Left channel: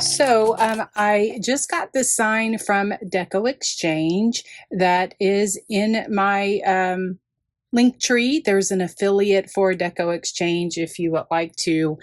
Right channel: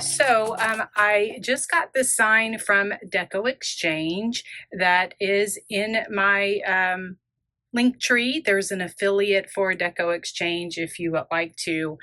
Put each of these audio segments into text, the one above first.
So I just got the sign from Deco Exchange that is in my link tree. There's an affiliate for Deco Exchange if you would like to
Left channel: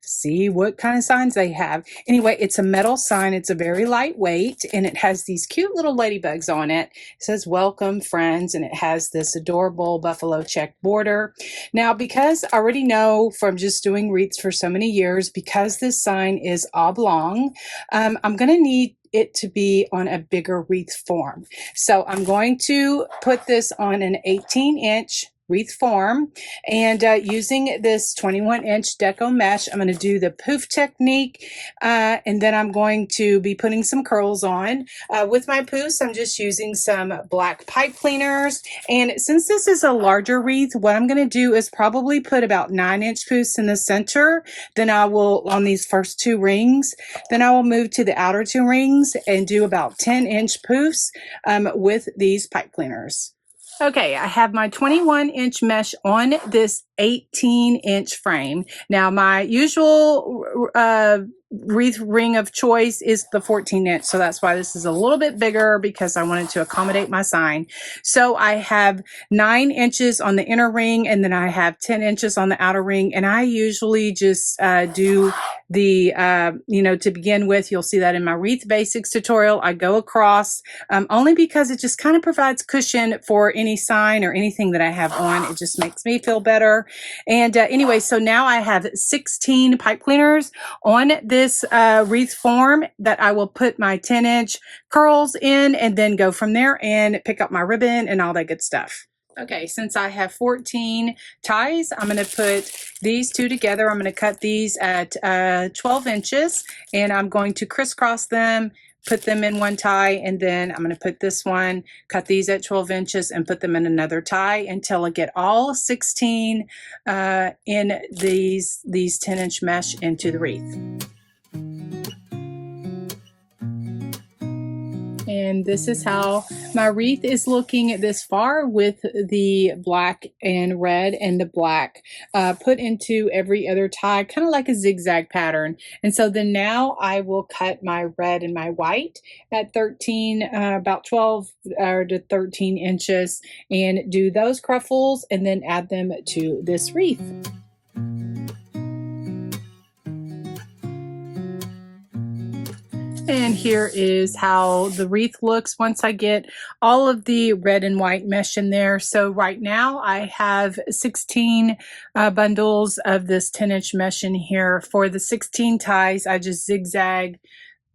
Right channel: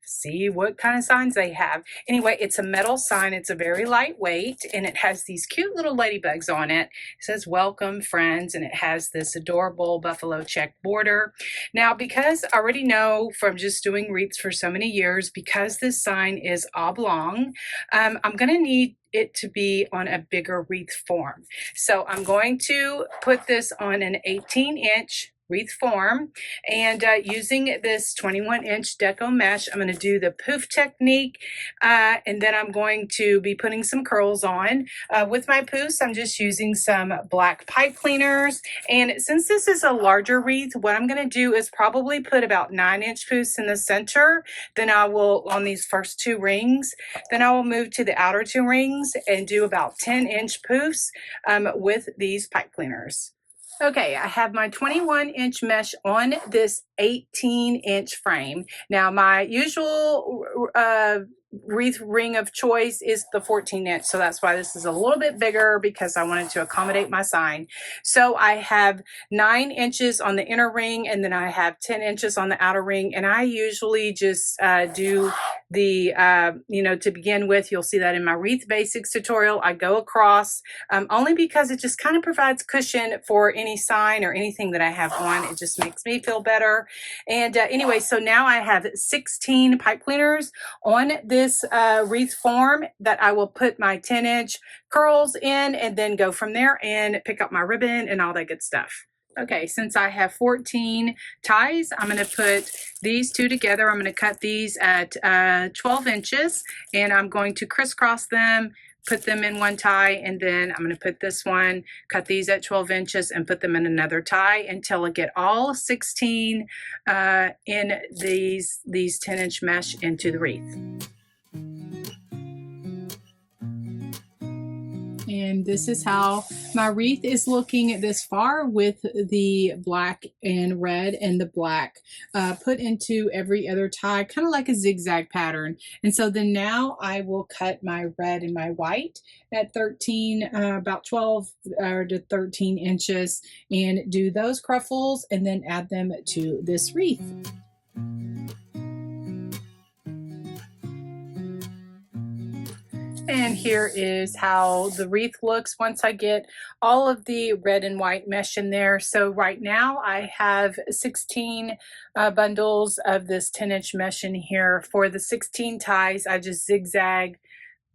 see what kind of signs they have. Anyway, it's a metal sign. It's a very lightweight, and it has these cute little ladybugs on it. It says welcome friends, and it has this adorable buffalo check border. Now, because I already know from just doing wreaths for so many years, because this sign is oblong, I'm going to need it to be on a bigger wreath form. So I'm going to put this on an 18-inch wreath form, and using this 21-inch deco mesh, I'm going to do the poof technique, and then I'm going to be putting some curls on. With my poofs, I'm just using some black pipe cleaners, and since this is a larger wreath, what I'm going to do is probably put about 9-inch poofs in the center. Then I will, on these first two rings, then I will move to the outer two rings and do about 10-inch poofs with these pipe cleaners. Okay, I have my 21-inch mesh on this 18-inch frame. Now, my usual wreath ring of choice is the 14-inch, so that's why this is a little bit bigger, because I wanted to accommodate my sign. So I have 9 inches on the inner ring, and then I have 10 inches on the outer ring, and I usually just do the, to begin with, you'll see that in my wreath basics tutorial, I go across only because it just kind of provides cushion for any sign or anything that I have on. It just makes me feel better. And anyway, so now I have 16 pipe cleaners on this wreath form that I will put my 10-inch curls in, and then go from there and pick up my ribbon and all that good stuff. Okay, since I have 14 ties, I'm going to put these two together. I'm going to cut these at 12 inches, and I'm going to crisscross them, put them in one tie, and then I'm going to put this one, cut these at 12 inches, and put them in another tie until I get all 16 in these 10-inch mesh into the wreath. And this is how my wreath is looking this far, with the black and red and the black put into every other tie, kind of like a zigzag pattern. And so then now I will cut my red and my white at 13, about 12 to 13 inches, and do those cruffles and then add them to this wreath. And here is how the wreath looks once I get all of the red and white mesh in there. So right now I have 16 bundles of this 10-inch mesh in here. For the 16 ties, I just zigzag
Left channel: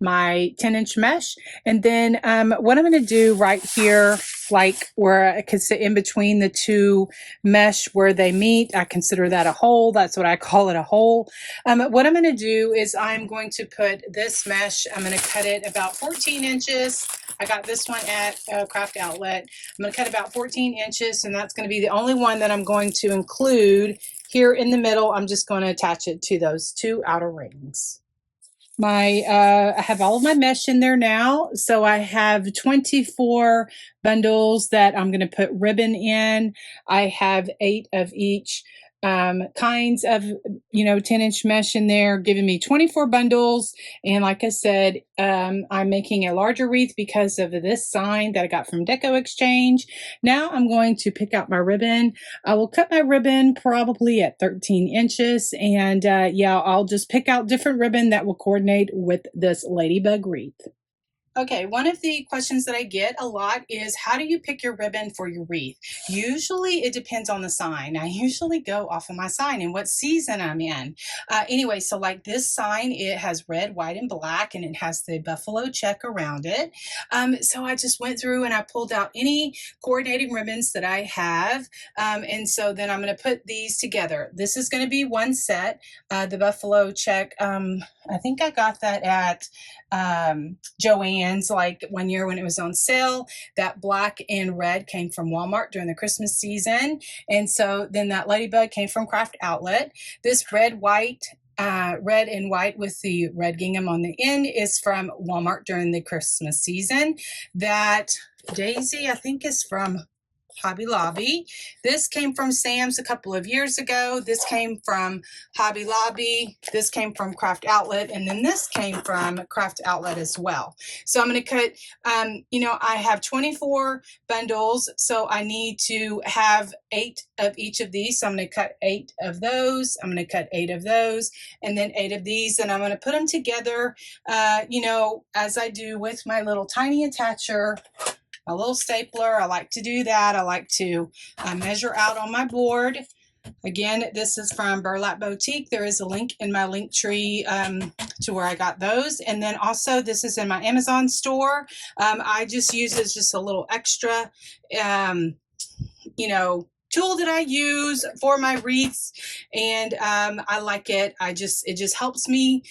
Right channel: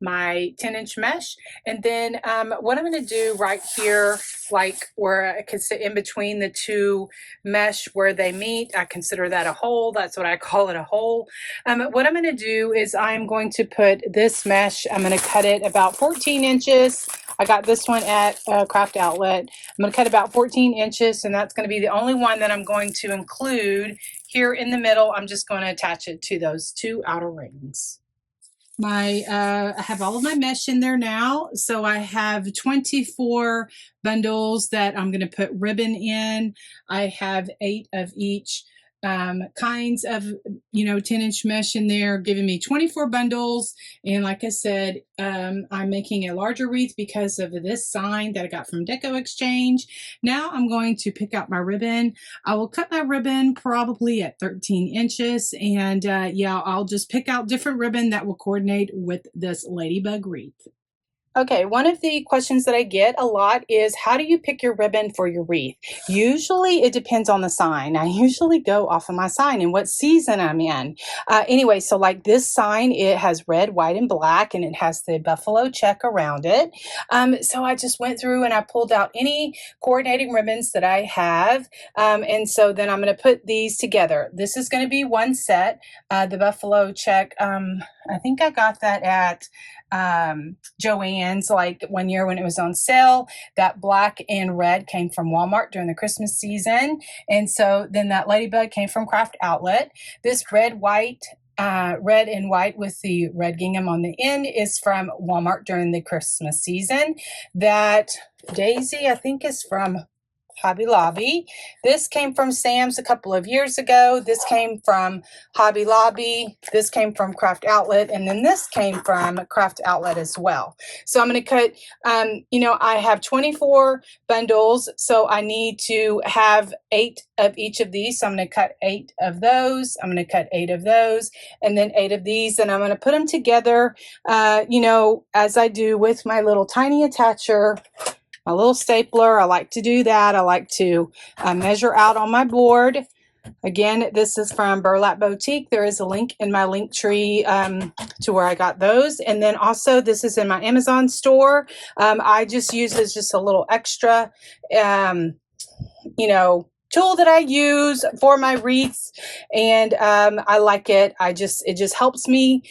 my 10-inch mesh, and then what I'm going to do right here, like where I could sit in between the two mesh where they meet, I consider that a hole. That's what I call it, a hole. What I'm going to do is I'm going to put this mesh, I'm going to cut it about 14 inches. I got this one at Craft Outlet. I'm going to cut about 14 inches, and that's going to be the only one that I'm going to include here in the middle. I'm just going to attach it to those two outer rings. I have all of my mesh in there now. So I have 24 bundles that I'm going to put ribbon in. I have 8 of each kinds of 10-inch mesh in there, giving me 24 bundles. And like I said, I'm making a larger wreath because of this sign that I got from Deco Exchange. Now I'm going to pick out my ribbon. I will cut my ribbon probably at 13 inches, and yeah, I'll just pick out different ribbon that will coordinate with this ladybug wreath. Okay, one of the questions that I get a lot is, how do you pick your ribbon for your wreath? Usually it depends on the sign. I usually go off of my sign and what season I'm in. Anyway, so like this sign, it has red, white, and black, and it has the buffalo check around it. So I just went through and I pulled out any coordinating ribbons that I have. And so then I'm going to put these together. This is going to be one set, the buffalo check. I think I got that at Joann's like one year when it was on sale. That black and red came from Walmart during the Christmas season. And so then that ladybug came from Craft Outlet. This red and white with the red gingham on the end is from Walmart during the Christmas season. That daisy, I think, is from Hobby Lobby. This came from Sam's a couple of years ago. This came from Hobby Lobby. This came from Craft Outlet. And then this came from Craft Outlet as well. So I'm going to cut, you know, I have 24 bundles. So I need to have 8 of each of these. So I'm going to cut 8 of those. I'm going to cut 8 of those and then 8 of these. And I'm going to put them together, you know, as I do with my little tiny attacher. My little stapler. I like to do that. I like to measure out on my board. Again, this is from Burlap Boutique. There is a link in my link tree to where I got those. And then also this is in my Amazon store. I just use as just a little extra, you know, tool that I use for my wreaths. And I like it. It just helps me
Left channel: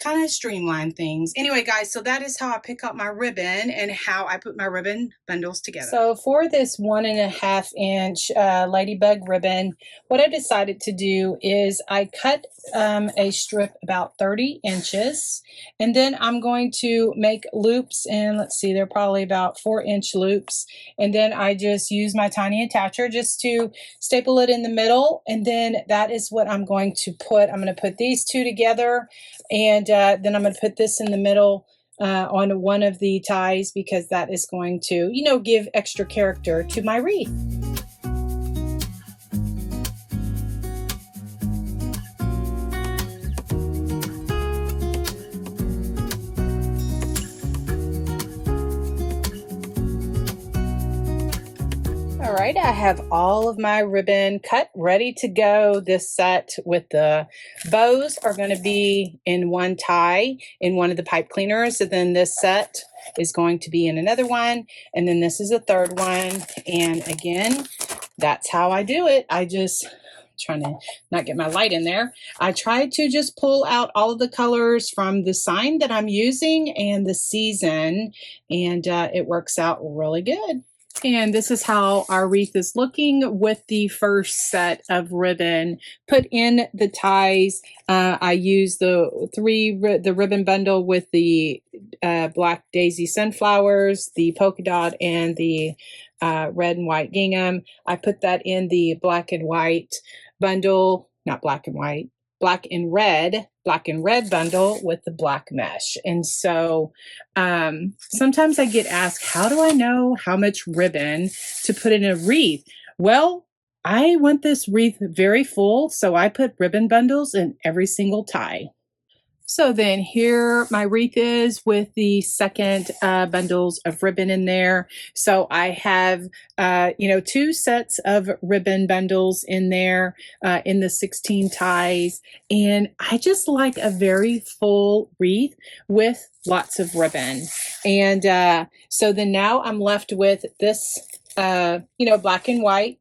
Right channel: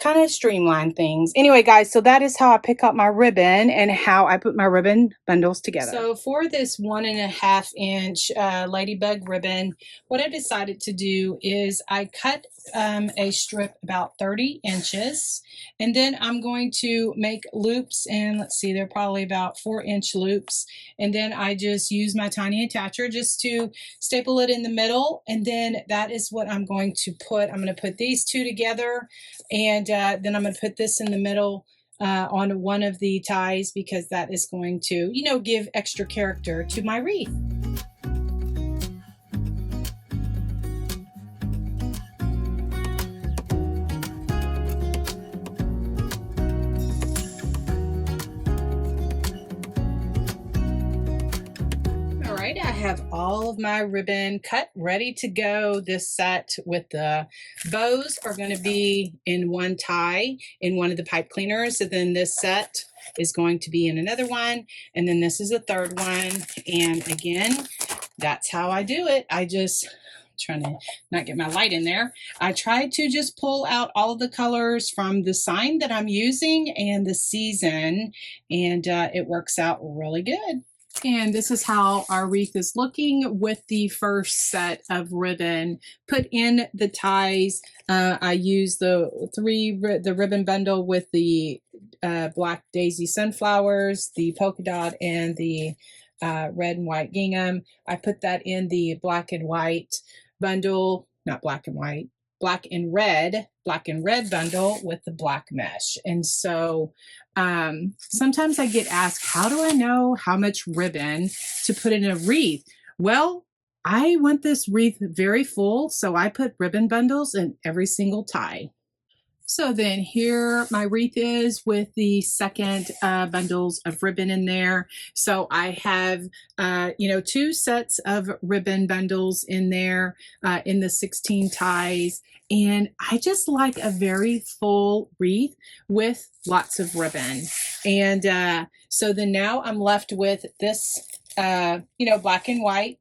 kind of streamline things. Anyway, guys, so that is how I pick up my ribbon and how I put my ribbon bundles together. So for this 1.5 inch ladybug ribbon, what I decided to do is I cut a strip about 30 inches, and then I'm going to make loops, and let's see, they're probably about 4-inch loops, and then I just use my tiny attacher just to staple it in the middle, and then that is what I'm going to put. I'm going to put these two together, and then I'm going to put this in the middle on one of the ties, because that is going to, you know, give extra character to my wreath. All right, I have all of my ribbon cut, ready to go. This set with the bows are going to be in one tie in one of the pipe cleaners, and then this set is going to be in another one, and then this is a third one. And again, that's how I do it. I just trying to not get my light in there. I try to just pull out all of the colors from the sign that I'm using and the season, and it works out really good. And this is how our wreath is looking with the first set of ribbon put in the ties. I use the ribbon bundle with the black daisy sunflowers, the polka dot, and the red and white gingham. I put that in the black and white bundle, not black and white, black and red bundle with the black mesh. And so sometimes I get asked, how do I know how much ribbon to put in a wreath? Well, I want this wreath very full, so I put ribbon bundles in every single tie. So then here my wreath is with the second bundles of ribbon in there. So I have, you know, 2 sets of ribbon bundles in there in the 16 ties. And I just like a very full wreath with lots of ribbon. And so then now I'm left with this, you know, black and white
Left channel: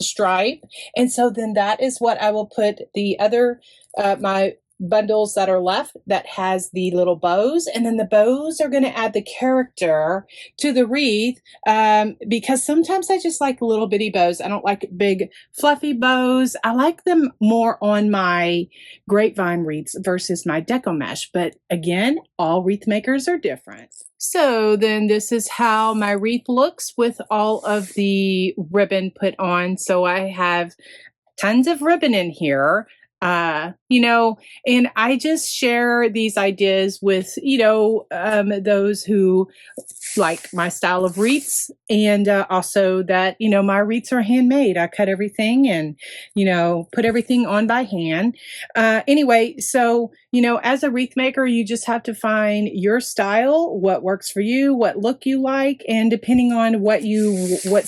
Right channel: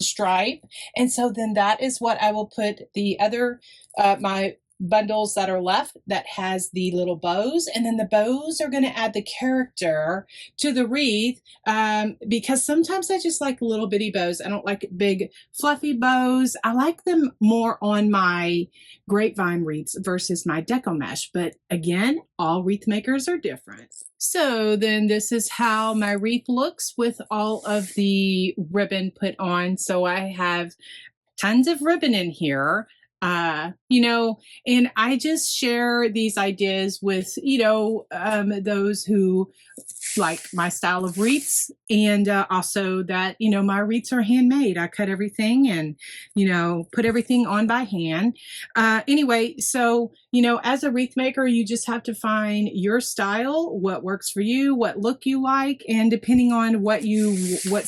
stripe. And so then that is what I will put the other, my bundles that are left that has the little bows, and then the bows are going to add the character to the wreath, because sometimes I just like little bitty bows. I don't like big fluffy bows. I like them more on my grapevine wreaths versus my deco mesh, but again, all wreath makers are different. So then this is how my wreath looks with all of the ribbon put on. So I have tons of ribbon in here. You know, and I just share these ideas with, you know, those who like my style of wreaths, and also that, you know, my wreaths are handmade. I cut everything and, you know, put everything on by hand. Anyway, so, you know, as a wreath maker, you just have to find your style, what works for you, what look you like, and depending on what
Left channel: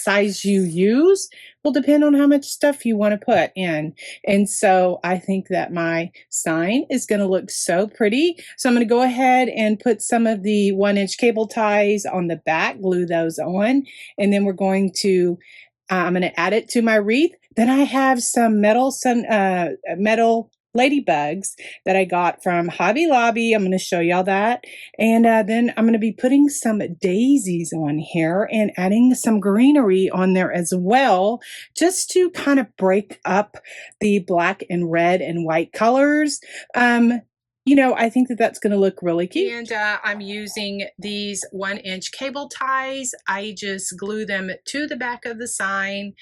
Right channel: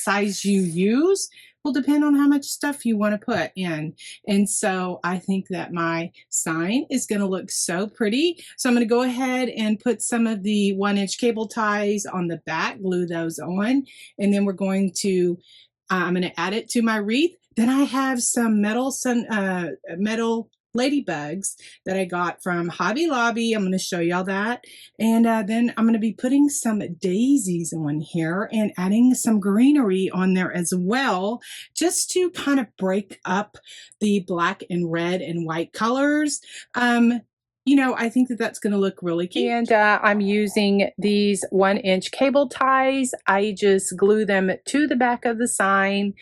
size you use, will depend on how much stuff you want to put in. And so I think that my sign is going to look so pretty. So I'm going to go ahead and put some of the 1-inch cable ties on the back, glue those on, and then we're going to, I'm going to add it to my wreath. Then I have some metal ladybugs that I got from Hobby Lobby. I'm going to show y'all that. And then I'm going to be putting some daisies on here and adding some greenery on there as well, just to kind of break up the black and red and white colors. you know, I think that that's going to look really cute. And I'm using these 1-inch cable ties. I just glue them to the back of the sign.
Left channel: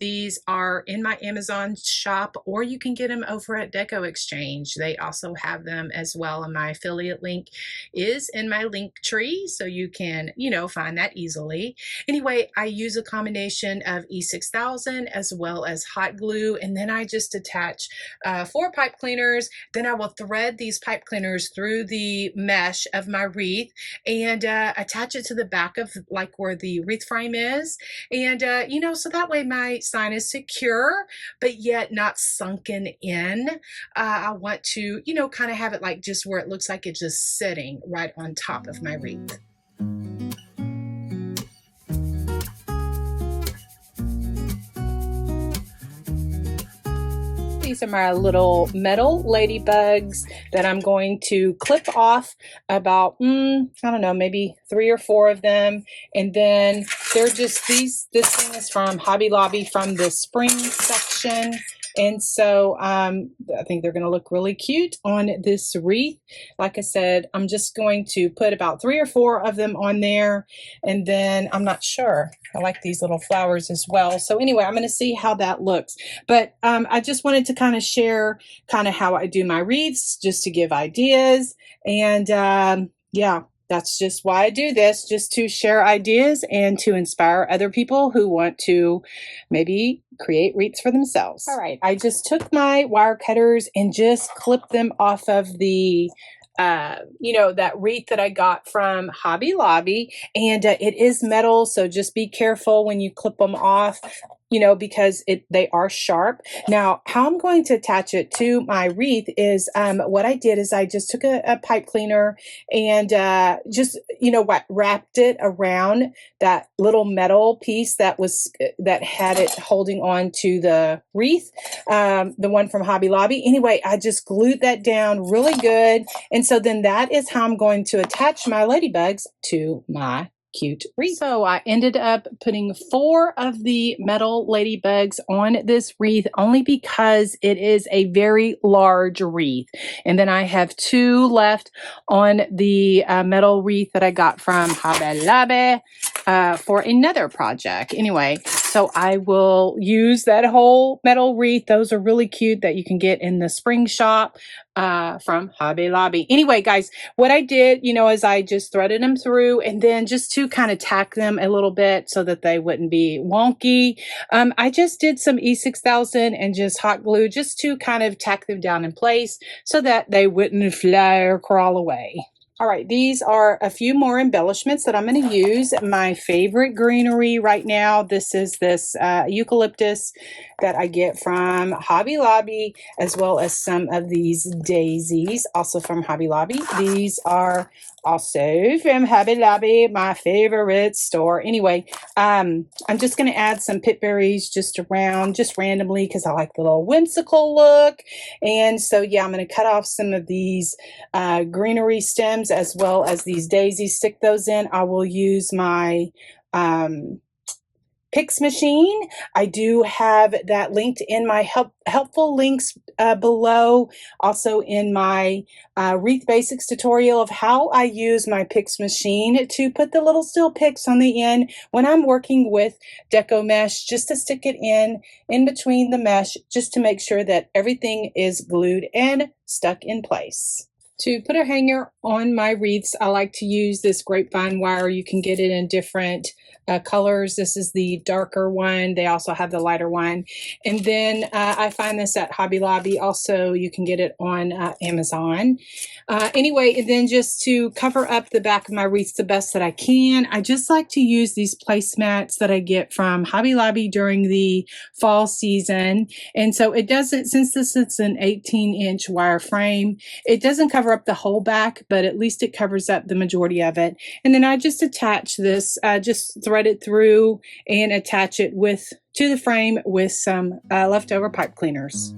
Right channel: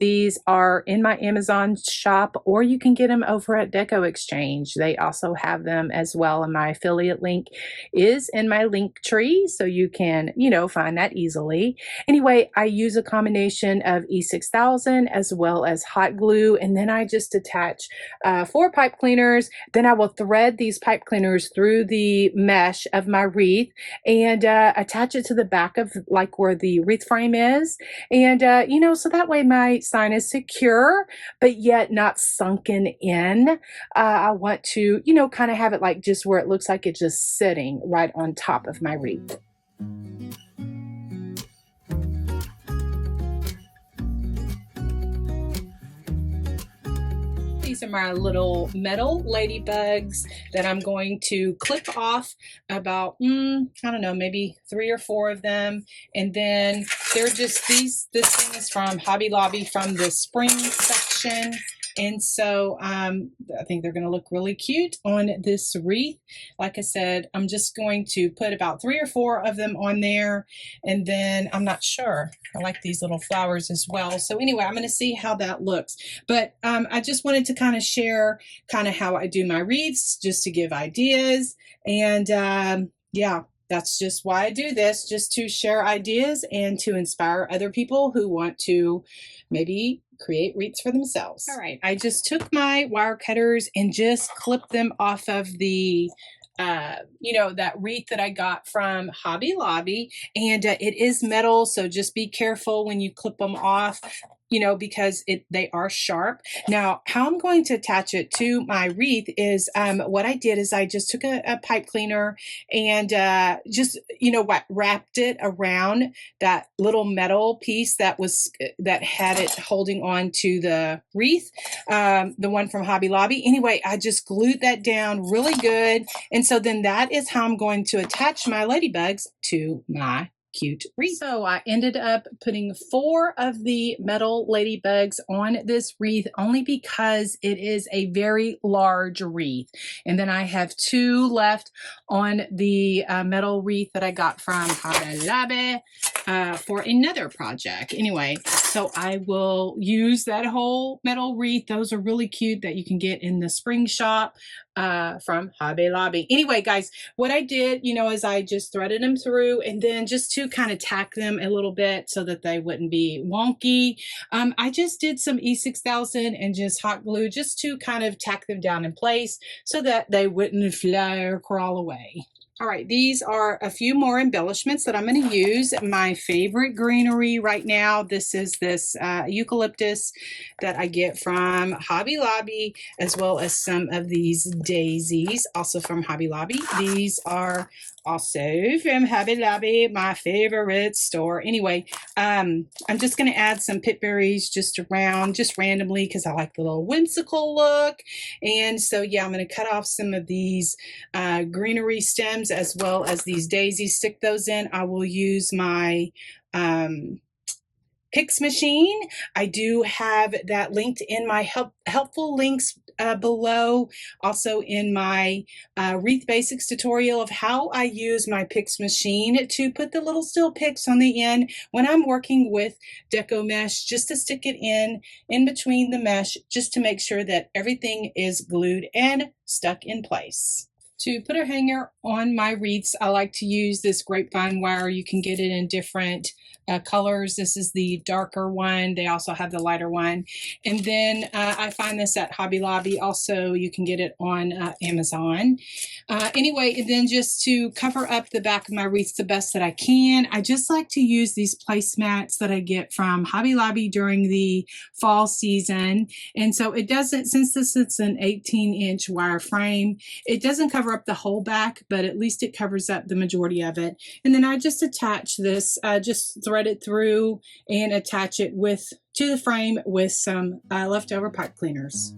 These are in my Amazon shop, or you can get them over at Deco Exchange. They also have them as well, and my affiliate link is in my link tree, so you can, you know, find that easily. Anyway, I use a combination of E6000 as well as hot glue, and then I just attach 4 pipe cleaners. Then I will thread these pipe cleaners through the mesh of my wreath and attach it to the back of like where the wreath frame is. And, you know, so that way my sign is secure, but yet not sunken in. I want to, you know, kind of have it like just where it looks like it's just sitting right on top of my wreath. These are my little metal ladybugs that I'm going to clip off about, I don't know, maybe 3 or 4 of them. And then they're just these, this thing is from Hobby Lobby from the spring section. And so I think they're going to look really cute on this wreath. Like I said, I'm just going to put about 3 or 4 of them on there. And then I'm not sure. I like these little flowers as well. So anyway, I'm going to see how that looks. But I just wanted to kind of share kind of how I do my wreaths, just to give ideas. And yeah. That's just why I do this, just to share ideas and to inspire other people who want to maybe create wreaths for themselves. All right, I just took my wire cutters and just clipped them off of the you know, that wreath that I got from Hobby Lobby, and it is metal, so just be careful when you clip them off, you know, because they are sharp. Now, how I'm going to attach it to my wreath is what I did is I just took a pipe cleaner and just, you know, wrapped it around that little metal piece that had it holding on to the wreath, the one from Hobby Lobby. Anyway, I just glued that down really good. And so then that is how I'm going to attach my ladybugs to my cute wreath. So I ended up putting 4 of the metal ladybugs on this wreath only because it is a very large wreath. And then I have 2 left on the metal wreath that I got from Hobby Lobby for another project. Anyway, so I will use that whole metal wreath. Those are really cute that you can get in the spring shop from Hobby Lobby. Anyway, guys, what I did, you know, is I just threaded them through, and then just to kind of tack them a little bit so that they wouldn't be wonky, I just did some E6000 and just hot glue just to kind of tack them down in place so that they wouldn't fly or crawl away. All right, these are a few more embellishments that I'm going to use. My favorite greenery right now, this is this eucalyptus that I get from Hobby Lobby, as well as some of these daisies, also from Hobby Lobby. These are also from Hobby Lobby, my favorite store. Anyway, I'm just going to add some pit berries just around, just randomly, because I like the little whimsical look. And so, yeah, I'm going to cut off some of these greenery stems as well as these daisies, stick those in. I will use my Pix machine. I do have that linked in my helpful links below, also in my Wreath Basics tutorial of how I use my Pix machine to put the little steel picks on the end when I'm working with Deco Mesh, just to stick it in between the mesh, just to make sure that everything is glued and stuck in place. To put a hanger on my wreaths, I like to use this grapevine wire. You can get it in different colors. This is the darker one. They also have the lighter one. And then I find this at Hobby Lobby. Also, you can get it on Amazon. Anyway, and then just to cover up the back of my wreaths the best that I can, I just like to use these placemats that I get from Hobby Lobby during the fall season. And so it doesn't, since this is an 18-inch wire frame, it doesn't cover up the whole back, but at least it covers up the majority of it. And then I just attach this, just thread it through and attach it to the frame with some leftover pipe cleaners.